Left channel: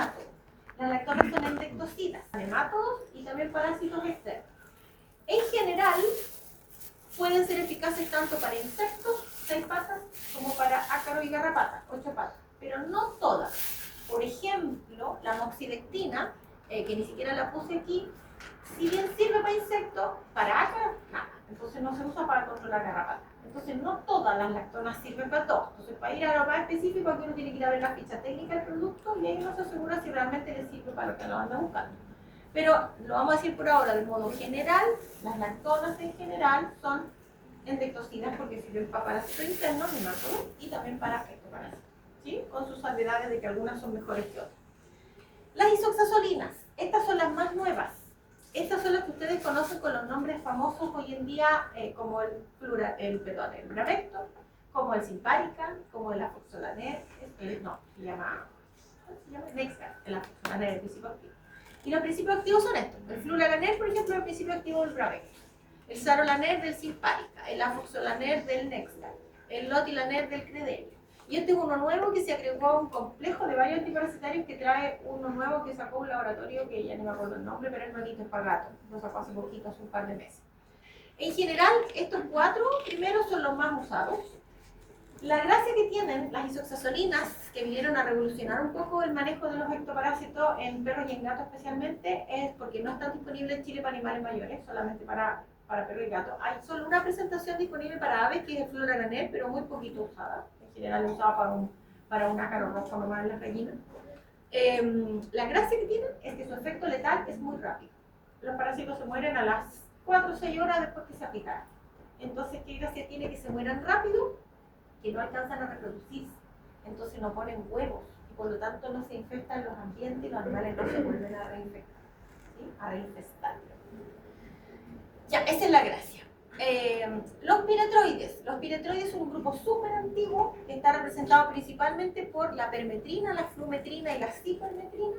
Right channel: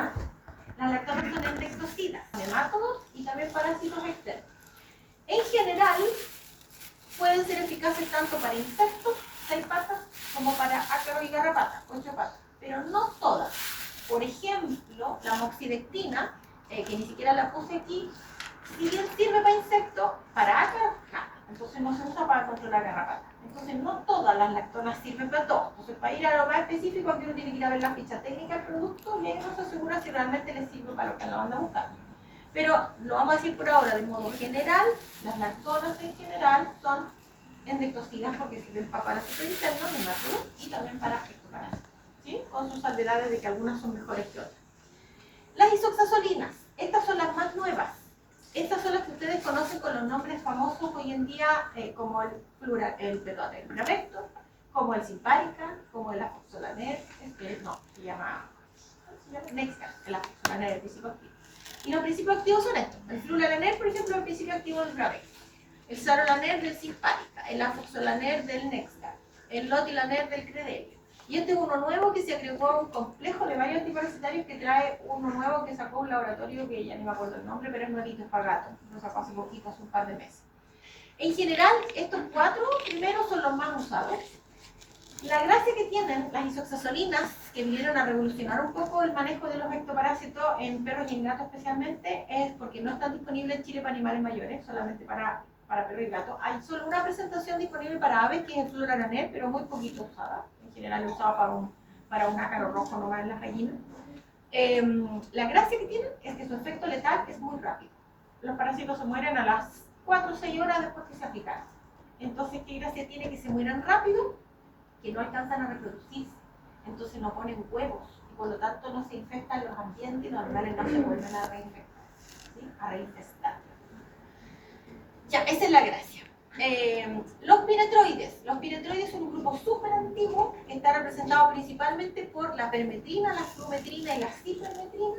nemátodos. Las lactonas son endectocidas, nemátodos y también parásitos externos. En general, pueden ser eficaces tanto para insectos, 6 patas, como para ácaros y garrapatas, 8 patas, pero no todas. Por ejemplo, la moxidectina, que ni siquiera la puse aquí, si bien sirve para insectos, para ácaros, nada. Entonces no se usa para controlar garrapatas. Entonces no todas las lactonas sirven para todo. Entonces para ir a lo más específico, aquí uno tiene que ir a ver la ficha técnica del producto y ahí uno se asegura si realmente le sirve para lo que lo anda buscando. Pero lo vamos a decir por ahora de modo general, las lactonas en general son endectocidas porque sirven para parásitos internos, nemátodos, y también para ectoparásitos, ¿sí? Con sus salvedades de que algunas son mejores que otras. Las isoxazolinas, estas son las más nuevas. Estas son las que ustedes conocen con los nombres famosos hoy en día, como el Bravecto, como el Simparica, como el Afoxolaner, se llama Nexcar, el Afoxolaner, el principio activo. Y los principios activos son estos: el Fluralaner, por ejemplo, es el principio activo del Bravecto, el Sarolaner del Simparica, el Afoxolaner del Nexcar, el Lotilaner del Credelio. Y este es uno nuevo que se agregó a un complejo de varios antiparasitarios que trae uno nuevo que sacó un laboratorio que ya no me acuerdo el nombre, pero es nuevito, es para gato. Lo sacó hace poquito, hace un par de meses. En general, estos 4 primeros son los más usados. La gracia que tienen las isoxazolinas, que vinieron a revolucionar un poco el manejo de los ectoparásitos en perros y en gatos especialmente, es porque no están disponibles en Chile para animales mayores, solamente para perros y gatos. Hay solo una presentación disponible para aves, que es el Fluralaner, pero muy poquito usada. En general es usada para un ácaro rojo nomás en las gallinas. La gracia que tienen es que su efecto letal es muy rápido. Los parásitos se mueren a las 4 o 6 horas después que se aplicaron. Entonces, ¿qué gracia tiene que se mueran rápido? Que no alcanzan a reproducirse, entonces no ponen huevos y por lo tanto no se infestan los ambientes y los animales no se vuelven a reinfectar, ¿sí? A reinfestar. Ya, esa es la gracia. Los piretroides son un grupo súper antiguo que está representado principalmente por la permetrina, la flumetrina y la cipermetrina.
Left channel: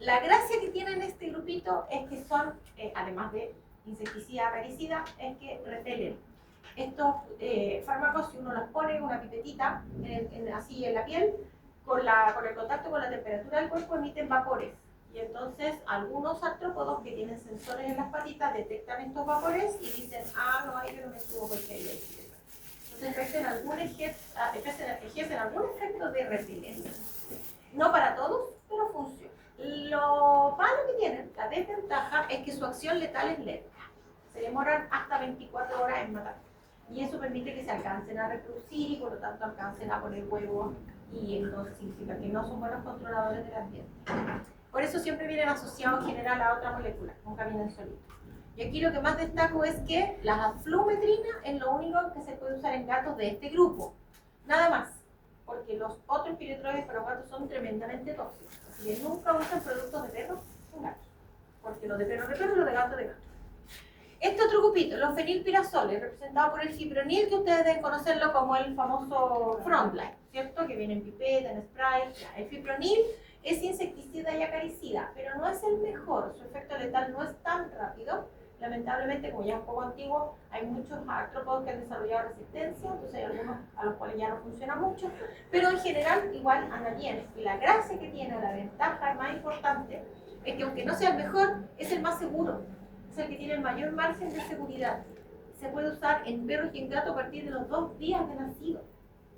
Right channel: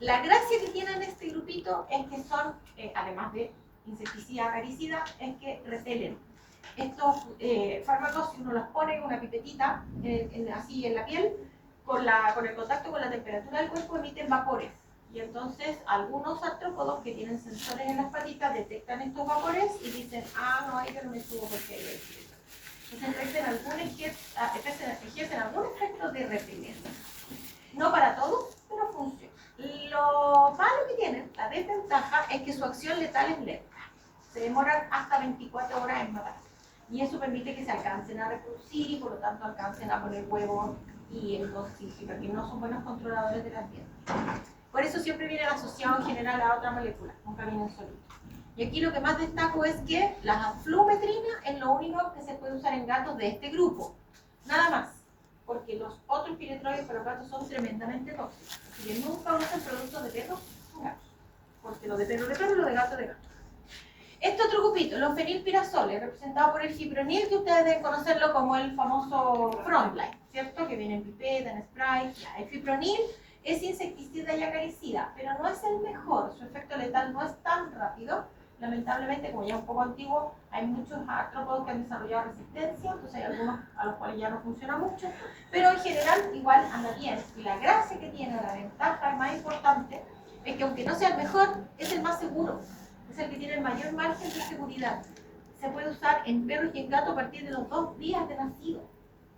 La gracia que tienen este grupito es que son, además de insecticida, acaricida, es que repelen. Estos fármacos, si uno los pone en una pipetita, así en la piel, con el contacto con la temperatura del cuerpo emiten vapores. Y entonces algunos artrópodos que tienen sensores en las patitas detectan estos vapores y dicen, no, ahí pero me estuvo porque hay el. Entonces ejercen algún efecto de repelencia. No para todos, pero funciona. Lo malo que tienen, la desventaja, es que su acción letal es lenta. Se demoran hasta 24 horas en matar. Y eso permite que se alcancen a reproducir y por lo tanto alcancen a poner huevos y entonces porque no son buenos controladores del ambiente. Por eso siempre vienen asociados en general a otra molécula, nunca vienen solitos. Y aquí lo que más destaco es que la flumetrina es lo único que se puede usar en gatos de este grupo. Nada más, porque los otros piretroides para los gatos son tremendamente tóxicos. Así que nunca usan productos de perros en gatos, porque lo de perro de perro y lo de gato de gato. Este otro grupito, los fenilpirazoles, representado por el fipronil, que ustedes deben conocerlo como el famoso Frontline, ¿cierto? Que viene en pipeta, en spray. El fipronil es insecticida y acaricida, pero no es el mejor. Su efecto letal no es tan rápido. Lamentablemente, como ya es un poco antiguo, hay muchos artrópodos que han desarrollado resistencia, entonces hay algunos a los cuales ya no funciona mucho, pero en general igual anda bien. Y la gracia que tiene, la ventaja más importante, es que aunque no sea el mejor, es el más seguro. Es el que tiene el mayor margen de seguridad. Se puede usar en perros y en gatos a partir de los 2 días de nacido.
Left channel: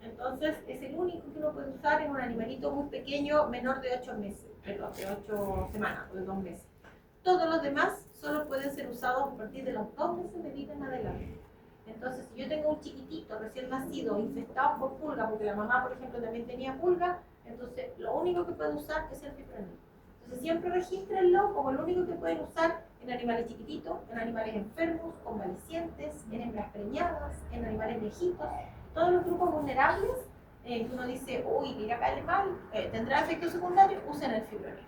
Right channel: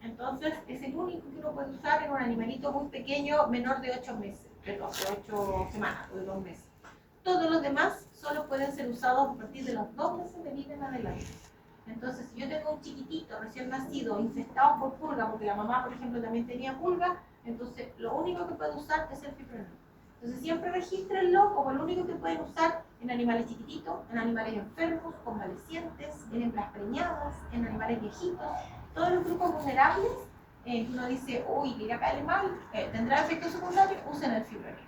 Entonces, es el único que uno puede usar en un animalito muy pequeño, menor de 8 meses, perdón, de 8 semanas o de 2 meses. Todos los demás solo pueden ser usados a partir de los 2 meses de vida en adelante. Entonces, si yo tengo un chiquitito recién nacido infestado por pulga, porque la mamá, por ejemplo, también tenía pulga, entonces lo único que puedo usar es el fipronil. Entonces siempre regístrenlo como el único que pueden usar en animales chiquititos, en animales enfermos, convalecientes, en hembras preñadas, en animales viejitos, todos los grupos vulnerables. Uno dice, uy, le irá a caer mal, tendrá efectos secundarios, usen el fipronil.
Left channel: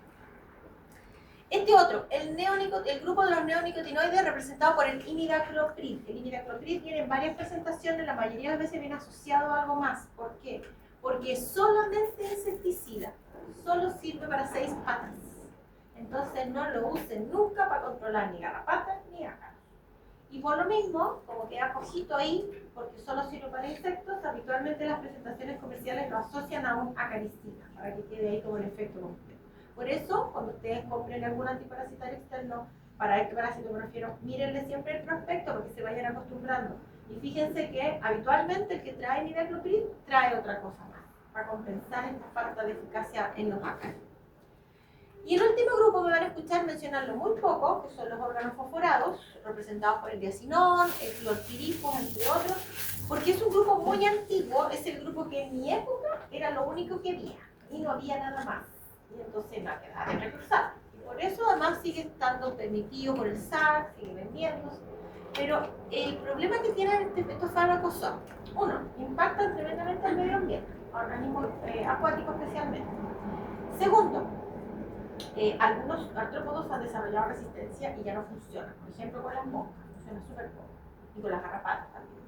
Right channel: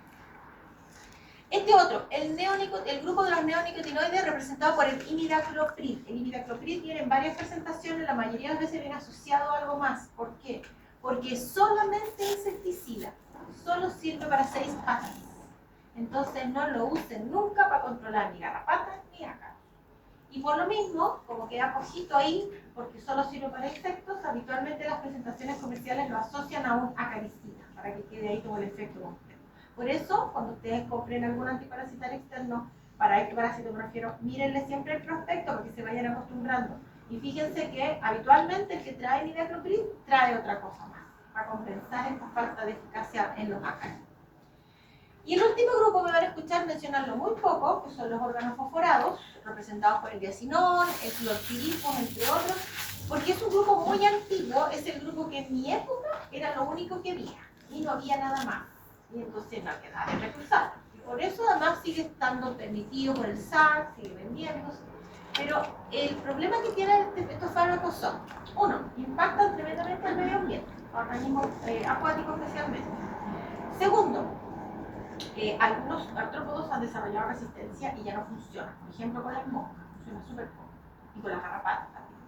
Este otro, el grupo de los neonicotinoides, representado por el imidacloprid. El imidacloprid tiene varias presentaciones, la mayoría de las veces viene asociado a algo más. ¿Por qué? Porque es solamente insecticida, solo sirve para 6 patas. Entonces no lo usen nunca para controlar ni garrapatas ni ácaros. Y por lo mismo, como queda cojito ahí, porque solo sirve para insectos, habitualmente las presentaciones comerciales lo asocian a un acaricida, para que quede ahí todo el efecto completo. Por eso, cuando ustedes compren algún antiparasitario externo, para este parásito me refiero, mírenle siempre el prospecto porque se vayan acostumbrando. Y fíjense que habitualmente el que trae imidacloprid trae otra cosa más, para compensar esta falta de eficacia en los ácaros. Y el último grupo me van a escuchar mencionarlo muy poco, que son los órganos fosforados, representados por el diacinón, el clorpirifos, entre otros, porque es un grupo muy antiguo, es el grupo que en mi época era lo único que había, y no había nada más. Y entonces no quedaba de reclusar. Y por eso además sigue estando permitido por el SAC, sigue vendiéndose. Pero el problema que tienen estos fármacos son, uno, impactan tremendamente al medio ambiente, a organismos acuáticos especialmente. Segundo, algunos artrópodos han desarrollado resistencia y ya no funcionan. Por ejemplo, con las moscas, funciona súper poco. Y con las garrapatas también.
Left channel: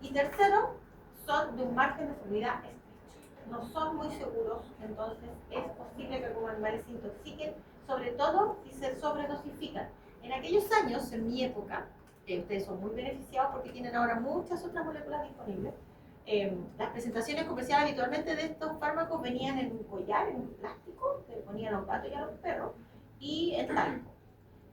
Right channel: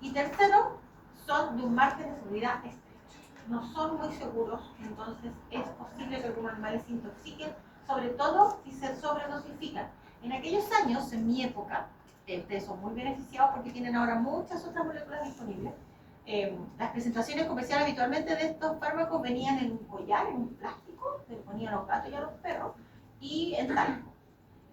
Y tercero, son de un margen de seguridad estrecho. No son muy seguros, entonces es posible que algunos animales se intoxiquen, sobre todo si se sobredosifican. En aquellos años, en mi época, ustedes son muy beneficiados porque tienen ahora muchas otras moléculas disponibles. Las presentaciones comerciales habitualmente de estos fármacos venían en un collar, en un plástico, que le ponían a los gatos y a los perros, y en talco.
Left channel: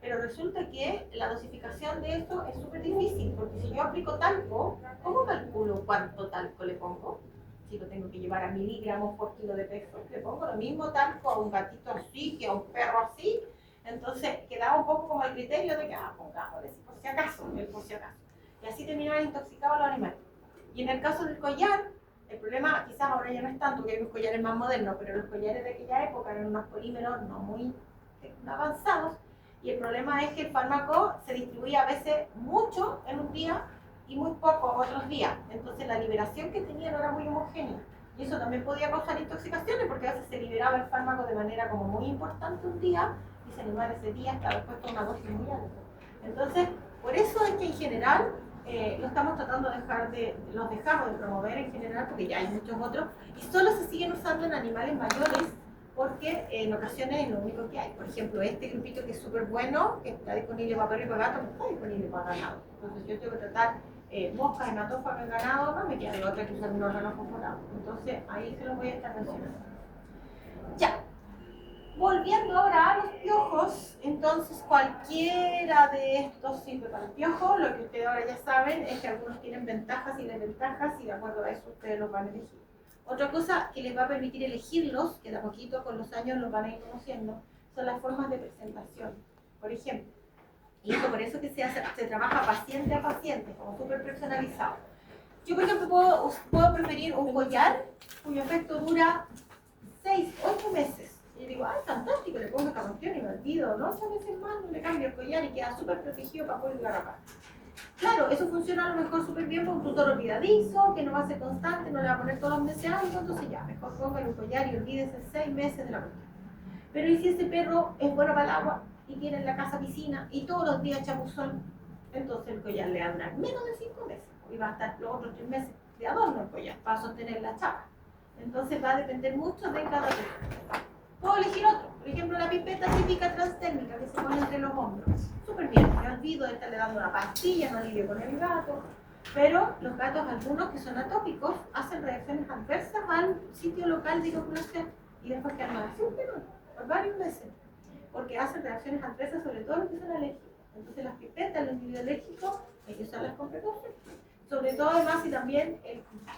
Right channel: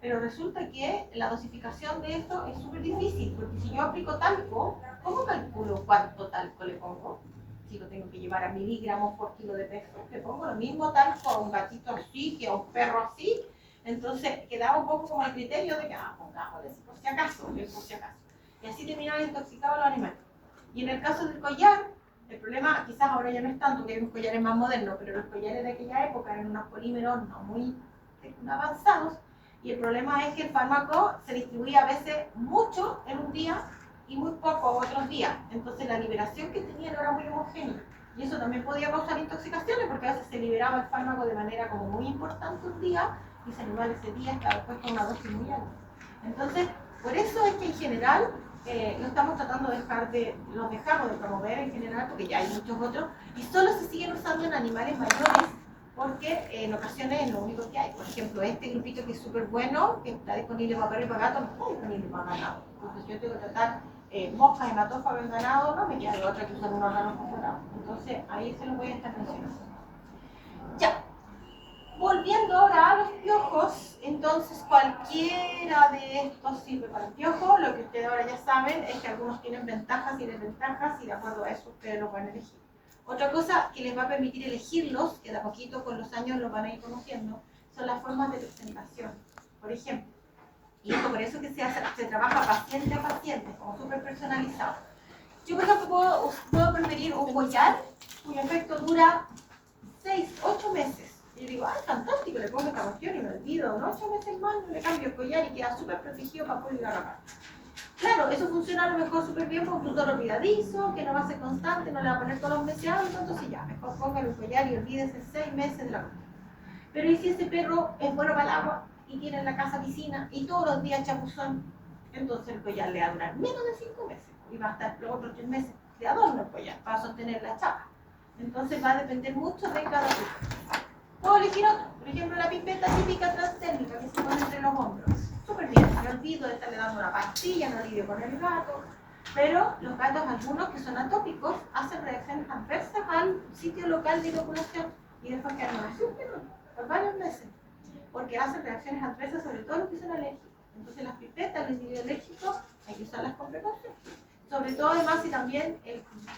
Pero resulta que la dosificación de esto es súper difícil, porque si yo aplico talco, ¿cómo calculo cuánto talco le pongo? Si lo tengo que llevar a miligramos por kilo de peso, le pongo lo mismo talco a un gatito así que a un perro así. Entonces quedaba un poco como el criterio de que, pongámosle por si acaso, por si acaso. Y así terminaban intoxicados los animales. Y en el caso del collar, el problema quizás ahora ya no es tanto, que hay unos collares más modernos, pero los collares de aquella época eran unos polímeros no muy avanzados, y el problema es que el fármaco se distribuía a veces mucho en un día y muy poco otros días. Entonces la liberación que tenían no era muy homogénea. Y eso también podía causar intoxicaciones, porque a veces se liberaba el fármaco de manera como muy importante un día, y se animaba ese día hasta después con una dosis muy alta. Entonces, por eso es que en general lo estamos tratando de los dejamos de promover en general, porque ya hay muchos otros, y solo se siguen usando en animales mayores, porque en ocasiones es lo único que hay. Por ejemplo, este grupito que es súper bueno, que está disponible para perro y para gato, no está disponible para ganado. Entonces yo tengo que tratar moscas, hematófagas en ganado, no me queda de otra que usar un órgano fosforado. Entonces ahí se los voy a estar mencionando. Ya. Volviendo ahora a los piojos, entonces cualquiera de estos sirve para el piojo. Lo que ustedes ahora ya saben es que algunos tienen ventajas y desventajas, y de acuerdo a eso ustedes los van a elegir. Otra cosa que les va a permitir elegirlos, que de a poquito con los años los van a ir conociendo, son las formas de presentación. Por ejemplo, y esto por eso que se trabaja paciente a paciente, como súper personalizado. Yo, por ejemplo, puedo preferir un collar cuyo efecto dura 6, 8 meses. Y yo digo, fantástico, le pongo esta cuestión y me olvido, ¿no? 8 meses más, no le cambio el collar y queda súper protegido para poder garrapar. Claro, eso funciona a lo mejor súper bien con un tutor olvidadizo, que no va a ser constante, no le va a poner todos los meses algo, entonces ya, mejor póngale un collar y olvídese 6 meses de la cuestión. Pero ¿y si ese perro es bueno para el agua y tiene en la casa piscina y todos los días chapuzón? Entonces el collar le va a durar menos de 5 meses y va a estar los otros 3 meses de adorno el collar para sostener la chapa. Entonces va a depender mucho de cada perro. Puedo elegir otro, por ejemplo la pipeta típica transdérmica que se pone entre los hombros. Súper bien, me olvido de estarle dando una pastilla, no lidio con el gato. Pero los gatos, algunos que son atópicos, hacen reacciones adversas al sitio local de inoculación y después quedan así por varios meses, porque hacen reacciones adversas, sobre todo los que son alérgicos. Entonces las pipetas, los individuos alérgicos, hay que usarlas con precaución. Sobre todo además si también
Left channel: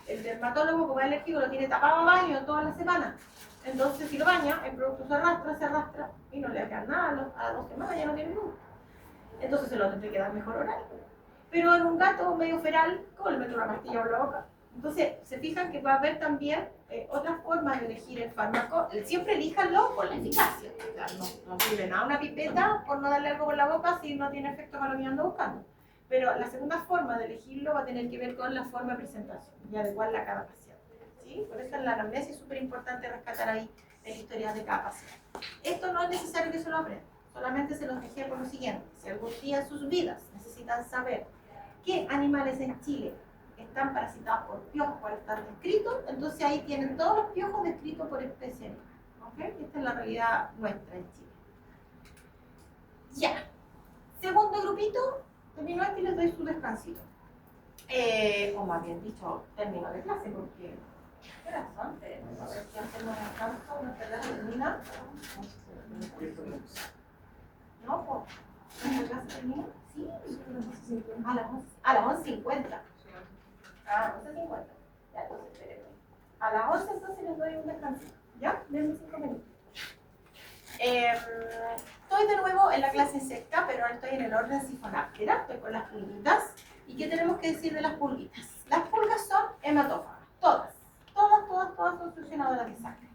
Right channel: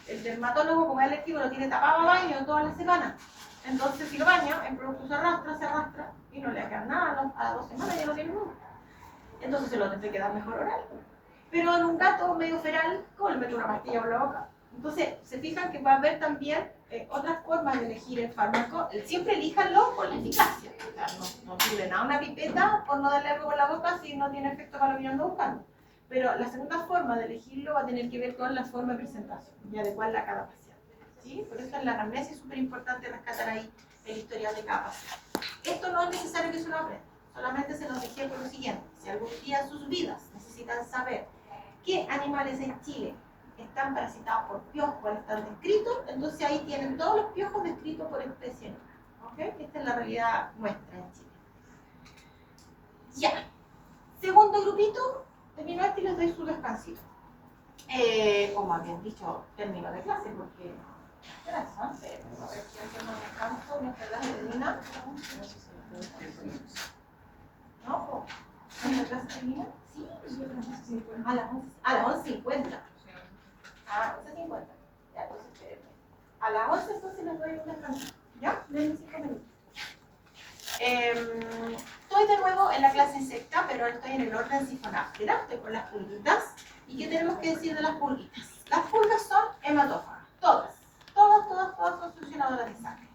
el dermatólogo como es alérgico lo tiene tapado a baño toda la semana. Entonces si lo baña, el producto se arrastra y no le va a quedar nada, a 2 semanas ya no tiene nada. Entonces se lo tendrá que dar mejor oral. Pero en un gato medio feral, ¿cómo le meto una pastilla por la boca? Entonces se fijan que va a haber también otras formas de elegir el fármaco. Siempre elíjanlo por la eficacia. O sea, no sirve nada una pipeta por no darle algo por la boca si no tiene efecto para lo que ando buscando. Pero la segunda forma de elegirlo va a tener que ver con la forma de presentación y adecuarla a cada paciente. ¿Sí? Por eso en la anamnesis es súper importante rescatar ahí el historial de cada paciente. Esto no es necesario que se lo aprendan, solamente se los dejé por lo siguiente. Si algún día en sus vidas necesitan saber qué animales en Chile están parasitados por piojos, cuáles están descritos, entonces ahí tienen todos los piojos descritos por especie. ¿Okay? Esta es la realidad nuestra en Chile. Ya. Segundo grupito, termino este y les doy su descansito. Como habían dicho, término de clase, porque ¿qué razón? A ver, si hacemos descanso, nuestra clase termina A las 11, a las 11:50. Ah, 11:50. Ya, entonces espérenme. A las 11 entonces les doy un descanso. ¿Ya? Denme 5 minutos. Estoy de nuevo en la clase secta, pero ahora estoy en el orden sifonáptera. Estoy con las pulguitas. ¿Y qué tenemos que decir de las pulguitas? Las pulgas son hematófagas. Todas son succionadoras de sangre.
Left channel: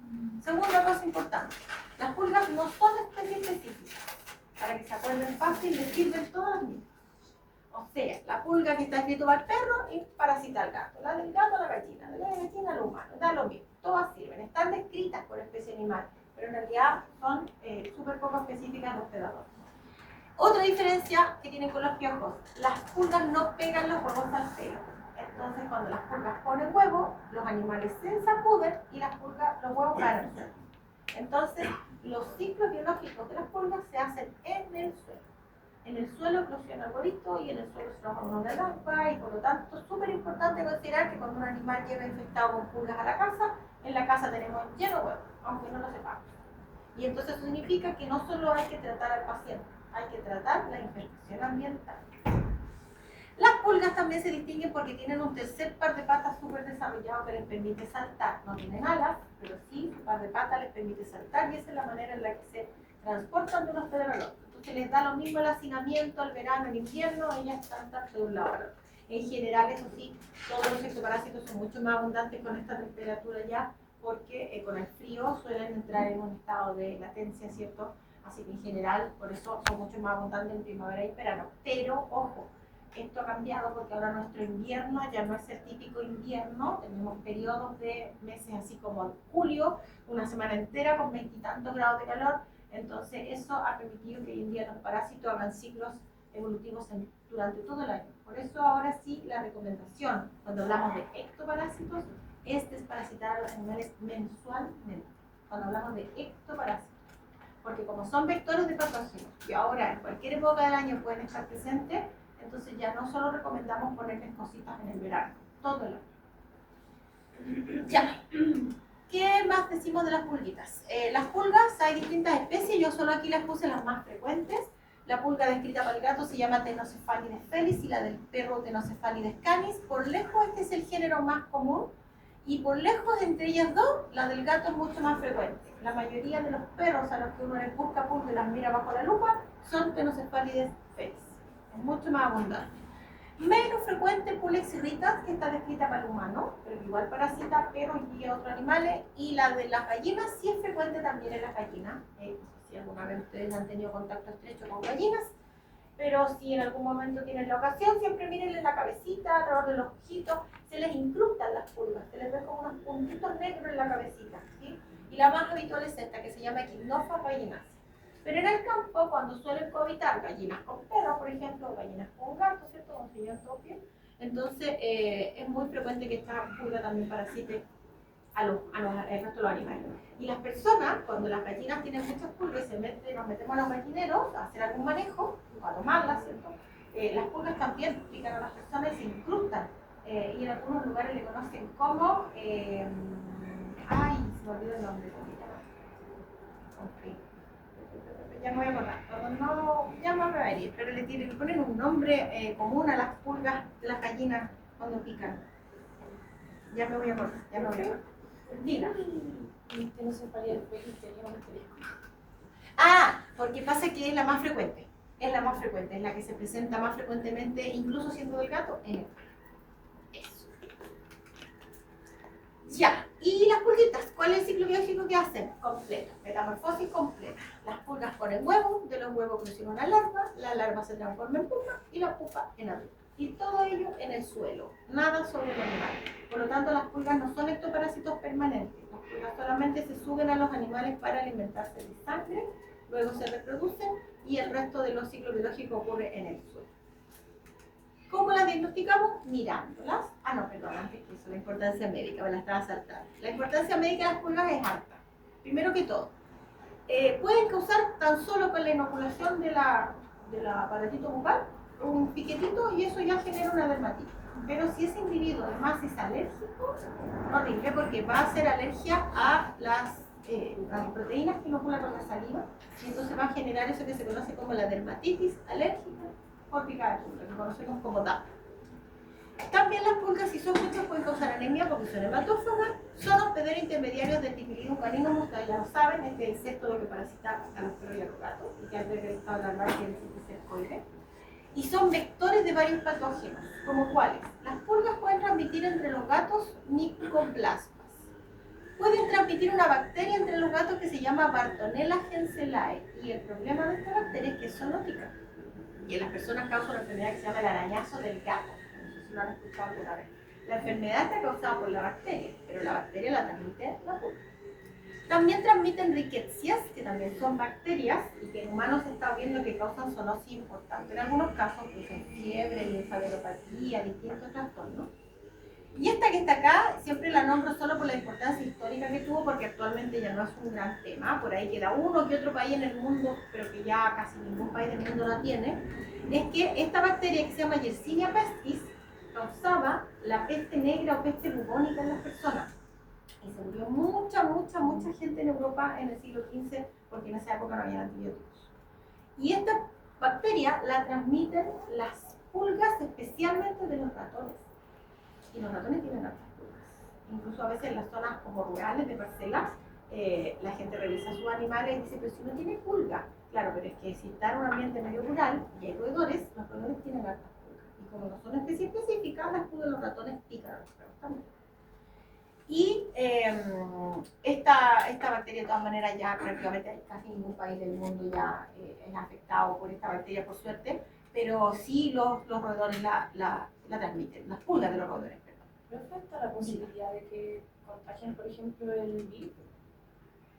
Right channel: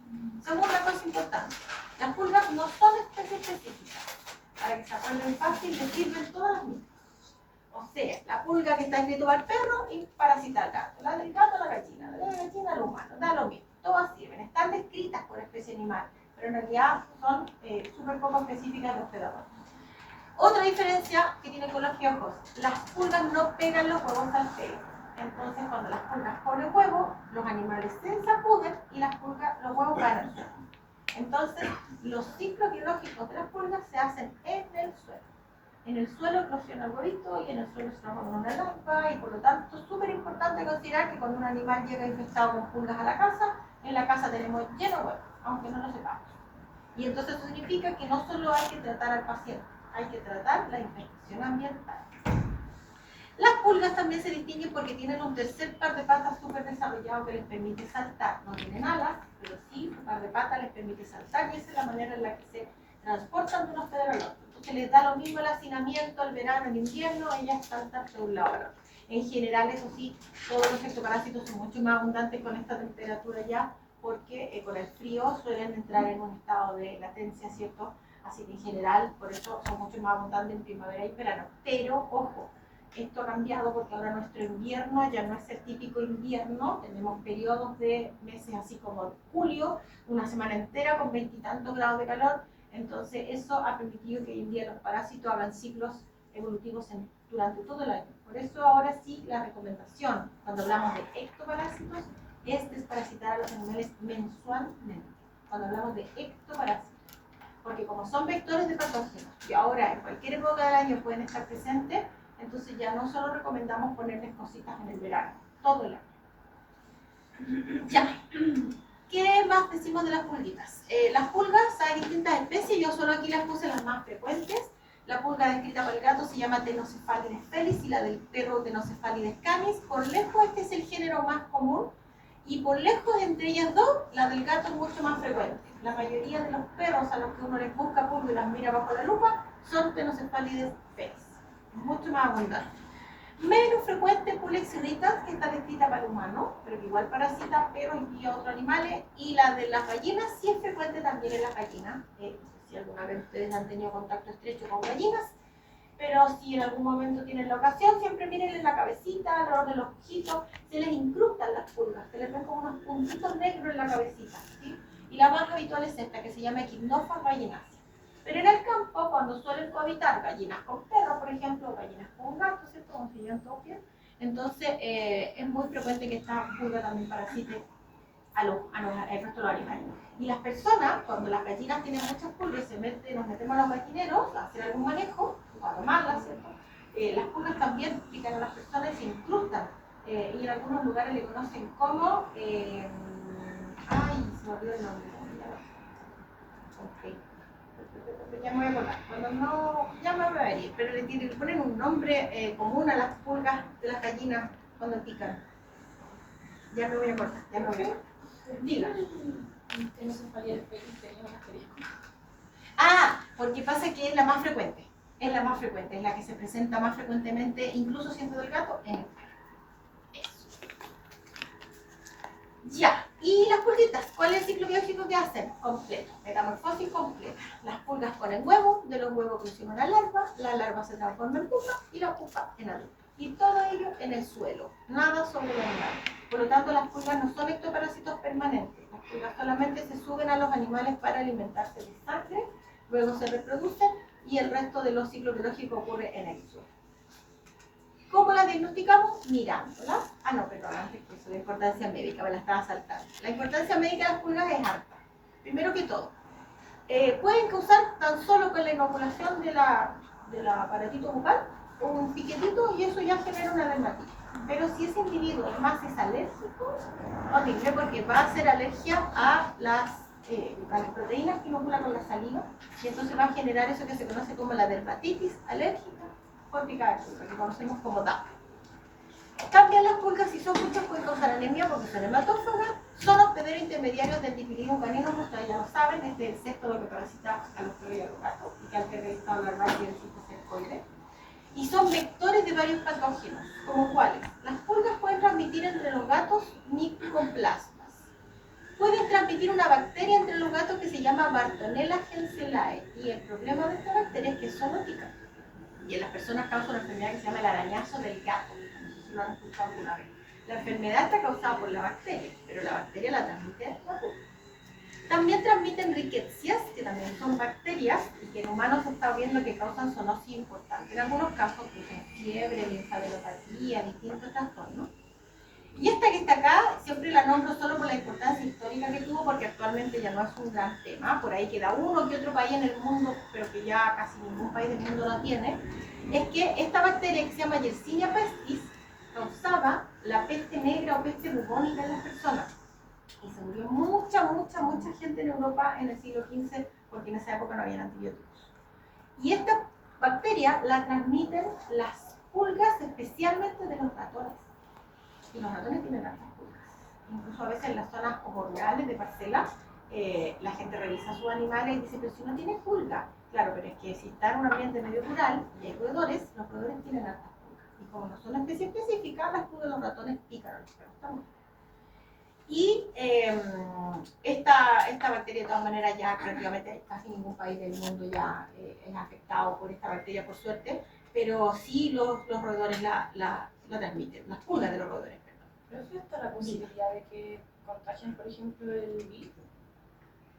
Segunda cosa importante. Las pulgas no son especies específicas. Para que se acuerden fácil, les sirven todas las mismas. O sea, la pulga que está escrito para el perro y parasita al gato. La del gato a la gallina, la de la gallina al humano. Da lo mismo. Todas sirven. Están descritas por especie animal, pero en realidad son súper poco específicas de hospedadores. Otra diferencia que tienen con los piojos, las pulgas no pegan los huevos al pelo. Entonces, cuando las pulgas ponen huevos, los animales se sacuden y los huevos caen al suelo. Entonces, los ciclos biológicos de las pulgas se hacen en el suelo. En el suelo eclosiona el huevito y en el suelo se transforma en una larva, y por lo tanto es súper importante considerar que cuando un animal llega infectado con pulgas a la casa, en la casa tenemos lleno de huevos, aunque no lo sepamos. Y entonces eso significa que no solo hay que tratar al paciente, hay que tratar la infección ambiental. Las pulgas también se distinguen porque tienen un tercer par de patas súper desarrollado que les permite saltar. No tienen alas, pero sí su par de patas les permite saltar, y esa es la manera en la que se transportan de un hospedador al otro. Entonces les da lo mismo el hacinamiento, el verano, el invierno, ellas saltan de un lado a otro. En general, eso sí, todos los ectoparásitos son mucho más abundantes con esta temperatura ya, porque con el frío suelen entrar en un estado de latencia, ¿cierto? Así que en general, por eso son mucho más abundantes en primavera y verano. Pero, ojo, esto ha cambiado porque ahora nuestro invierno ya no es el típico invierno. Tenemos periodos de meses así como julio, una semana entera con 20 y tantos grados de calor. Entonces, eso ha permitido que hoy en día los parásitos hagan ciclos evolutivos durante todo el año. Por eso, ahora sí, la recomendación, cuando hablamos de ectoparásitos, es desparasitar a los animales mensualmente. Cuando hablamos de ectoparásitos. Porque como son vectores de patógenos y ahora en cualquier época del año pueden estar presentes, entonces ya no solo recomendamos ponerles cositas en el verano, todo el año. Ya. ¿Qué más decimos de las pulguitas? Las pulgas, hay distintas especies, yo solo aquí les puse las más frecuentes. La pulga descrita para el gato se llama Ctenocephalides felis y la del perro Ctenocephalides canis. Por lejos este es el género más común y por lejos entre ellas dos, la del gato es mucho más frecuente. La mayoría de los perros a los que uno les busca pulga y las mira bajo la lupa son Ctenocephalides felis. Es mucho más abundante. Menos frecuente Pulex irritas, que está descrita para el humano, pero igual parasita perros y otros animales. Y la de las gallinas sí es frecuente también en las gallinas. No sé si alguna vez ustedes han tenido contacto estrecho con gallinas, pero si en algún momento tienen la ocasión, siempre miren en la cabecita, alrededor de los ojitos, se les incrustan las pulgas, se les ven como unos puntitos negros en la cabecita, ¿sí? Y la más habitual es esta, que se llama Echidnophas gallinaceae. Pero en el campo, cuando suelen cohabitar gallinas con perros, por ejemplo, gallinas con gatos, ¿cierto? Como se llaman topias, entonces es muy frecuente que esta pulga también parasite al resto de los animales. Y las personas, cuando las gallinas tienen muchas pulgas y nos metemos a los gallineros a hacer algún manejo, para tomarlas, ¿cierto? Las pulgas también pican a las personas y se incrustan. Y en algunos lugares le conocen como... ay, se me olvidó el nombre. Okay. Ya me voy a acordar, cuando no, ya me voy a ir, pero le ponen un nombre común a las pulgas de las gallinas cuando pican. Ya me voy a acordar, ya me voy a acordar. Dila. Que no se faría el feliz, tenía un asterisco. Ah, porque pasa que es la más frecuente. Es la más frecuente, es la que se presenta más frecuentemente, incluso siendo del gato, en el perro. Eso. Ya. Y las pulguitas, ¿cuál es el ciclo biológico que hacen? Completo, metamorfosis completa. Las pulgas ponen huevos, de los huevos crecen una larva, la larva se transforma en pupa y la pupa en adulto. Y todo ello en el suelo, nada sobre la humedad. Por lo tanto, las pulgas no son ectoparásitos permanentes. Las pulgas solamente se suben a los animales para alimentarse de sangre, luego se reproducen y el resto de los ciclos biológicos ocurre en el suelo. ¿Cómo la diagnosticamos? Mirándolas. Ah, no, perdón, antes que eso, la importancia médica, me la estaba saltando. La importancia médica de las pulgas es harta. Primero que todo, pueden causar tan solo con la inoculación del aparatito bucal un piquetito y eso ya genera una dermatitis. Pero si ese individuo además es alérgico, horrible, porque va a hacer alergia a las proteínas que inocula con la saliva y entonces va a generar eso que se conoce como la dermatitis alérgica por picada de pulga, que conocemos como DAP. También las pulgas, si son muchas, pueden causar anemia porque son hematófagas, son hospederos intermediarios del Typhlium caninum, ustedes ya lo saben, este es el sexto de que parasita a los perros y a los gatos, y que antes del estado larval tiene el cisticercoide. Y son vectores de varios patógenos, como cuáles. Las pulgas pueden transmitir entre los gatos micoplasmas. Pueden transmitir una bacteria entre los gatos que se llama Bartonella henselae, y el problema de esta bacteria es que es zoonótica. Y en las personas causa una enfermedad que se llama el arañazo del gato. No sé si lo han escuchado alguna vez. La enfermedad está causada por la bacteria, pero la bacteria la transmite la pulga. También transmiten riquecias, que también son bacterias, y que en humanos se está viendo que causan zoonosis importante. En algunos casos producen fiebre, linfadenopatía, distintos trastornos. Y esta que está acá, siempre la nombro solo por la importancia histórica que tuvo, porque actualmente ya no es un gran tema. Por ahí queda uno que otro país en el mundo, pero que ya casi ningún país del mundo la tiene. Es que esta bacteria que se llama Yersinia pestis causaba la peste negra o peste bubónica en las personas. Y se murió mucha gente en Europa en el siglo XV, porque en esa época no había antibióticos. Y esta bacteria la transmiten las pulgas, especialmente de los ratones. Y los ratones tienen hartas pulgas. Incluso a veces en las zonas como rurales de parcelas, la gente revisa sus animales y dice, pero si no tiene pulga. Claro, pero es que si está en un ambiente medio rural y hay roedores, los roedores tienen hartas pulgas. Y como no son especies específicas, las pulgas de los ratones pican a los perros también. Y esta bacteria, de todas maneras, ya prácticamente casi ningún país del mundo ya es afectado por esta bacteria, por suerte, pero sí los roedores la transmiten, las pulgas de los roedores, perdón. ¿Pero afecta la posibilidad de que contagien, por ejemplo, el virus?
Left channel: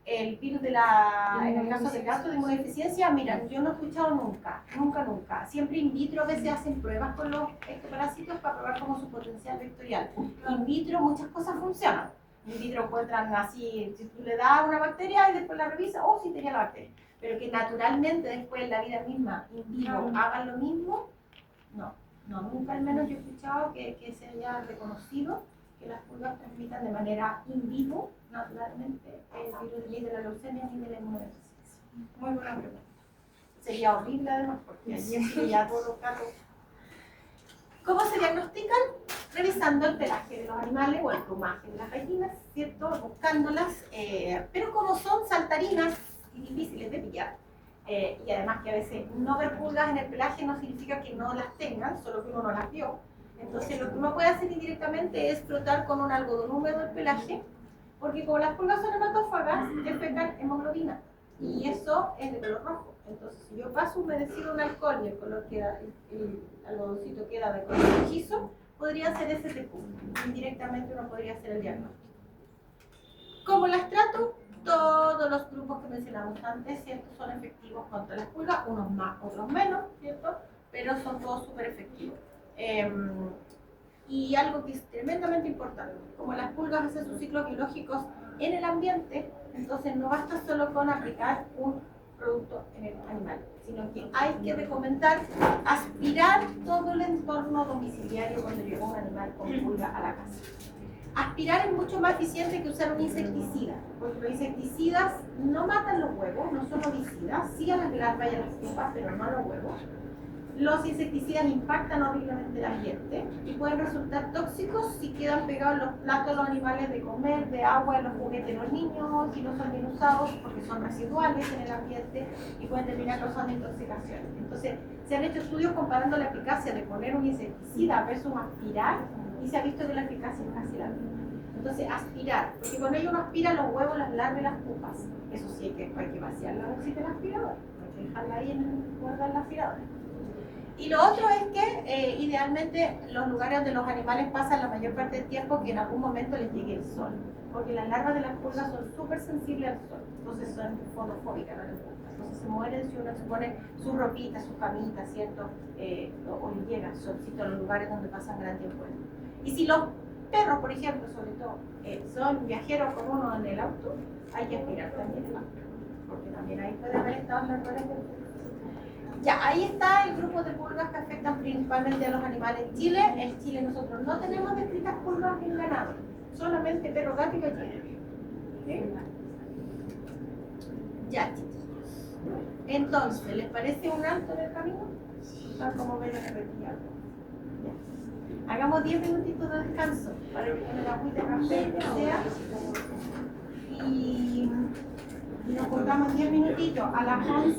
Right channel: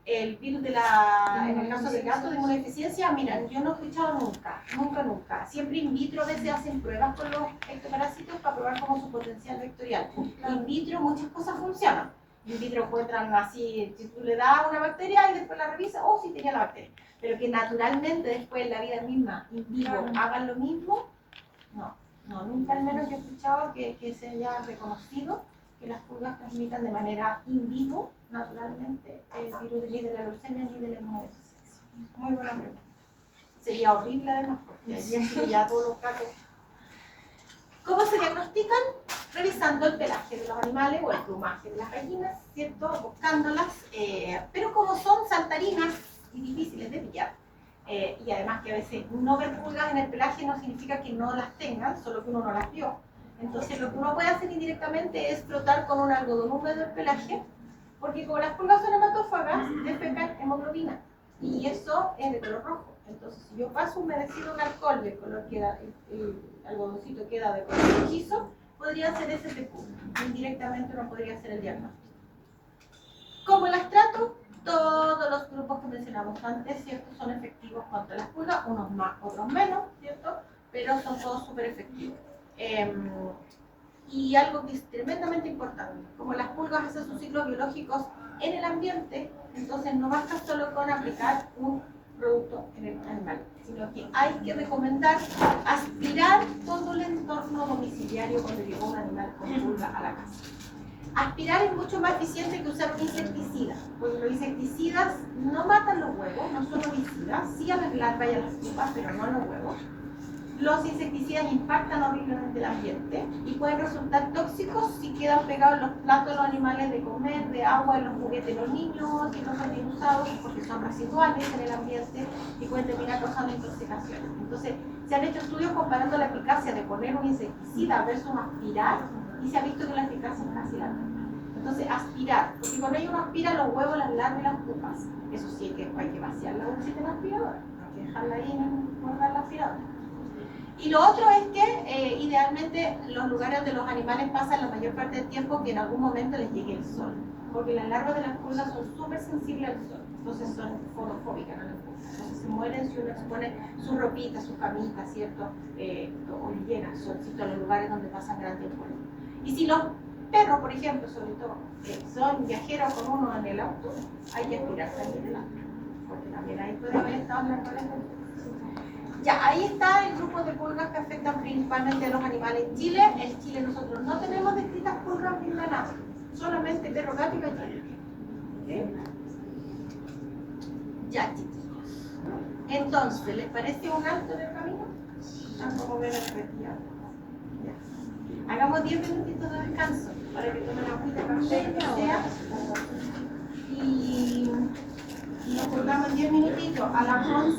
El virus en el caso del gato de inmunodeficiencia, mira, yo no he escuchado nunca. Siempre in vitro a veces hacen pruebas con los ectoparásitos para probar como su potencial vectorial. In vitro muchas cosas funcionan. In vitro encuentran así, si tú le das una bacteria y después la revisas, oh, sí tenía la bacteria. Pero que naturalmente después la vida misma, in vivo, hagan lo mismo, no, nunca al menos yo he escuchado que se haya reconocido que las pulgas transmitan de manera in vivo, naturalmente, el virus ni de la leucemia ni de la inmunodeficiencia. Muy buena pregunta. Sería horrible además, porque allí es ya todos los gatos. ¿Cómo se diagnostican? Revisando el pelaje de los animales o el plumaje de las gallinas, ¿cierto? Buscándolas, pero como son saltarinas y difíciles de pillar, y además que a veces no ver pulgas en el pelaje no significa que no las tengan, solo que uno no las vio. Entonces lo que uno puede hacer indirectamente es frotar con un algodón húmedo el pelaje, porque como las pulgas son hematófagas, defecan hemoglobina, y eso es de color rojo. Entonces si yo paso humedecido un alcohol y el algodoncito queda de color rojizo, podría ser ese TQ. Indirectamente uno podría hacer el diagnóstico. ¿Cómo las trato? Todos los grupos que mencionamos antes, ¿cierto? Son efectivos contra las pulgas, unos más, otros menos, ¿cierto? Pero son todos súper efectivos. Y algo que es tremendamente importante, como las pulgas hacen sus ciclos biológicos en el ambiente, entonces no basta solo con aplicar un producto en el animal, sino que hay que recomendar aspirar todo el entorno domiciliario cuando llegó un animal con pulga a la casa. Aspirar es mucho más eficiente que usar un insecticida, porque los insecticidas no matan los huevos, no son homicidas, sí a las larvas y a las pupas, pero no a los huevos. Los insecticidas impactan horriblemente el ambiente y pueden resultar tóxicos si quedan pegados en los platos de los animales de comer, de agua, en los juguetes de los niños y no son bien usados porque son residuales en el ambiente y pueden terminar causando intoxicaciones. Entonces, se han hecho estudios comparando la eficacia de poner un insecticida versus aspirar y se ha visto que la eficacia es casi la misma. Entonces, aspirar, porque con ello uno aspira los huevos, las larvas y las pupas. Eso sí, hay que vaciar la bolsita del aspirador, no hay que dejarla ahí en el guardar el aspirador. Y lo otro es que idealmente los lugares donde los animales pasan la mayor parte del tiempo que en algún momento les llegue el sol, porque las larvas de las pulgas son súper sensibles al sol, entonces son fotofóbicas, no les gusta. Entonces se mueren si uno expone sus ropitas, sus camitas, ¿cierto? O llegan solcito a los lugares donde pasan gran tiempo. Y si los perros, por ejemplo, sobre todo, son viajeros con uno en el auto, hay que aspirar también el auto, porque también ahí puede haber estados naturales. Ya, ahí está el grupo de pulgas que afectan principalmente a los animales en Chile. En Chile nosotros no tenemos descritas pulgas en ganado, solamente perro, gato y gallina. ¿Okay? Ya, chicos. Entonces, ¿les parece un alto en el camino? como ver resfriado. Hagamos 10 minutitos de descanso para que tomen agüita, café, que sea. Y nos juntamos 10 minutitos a las 11.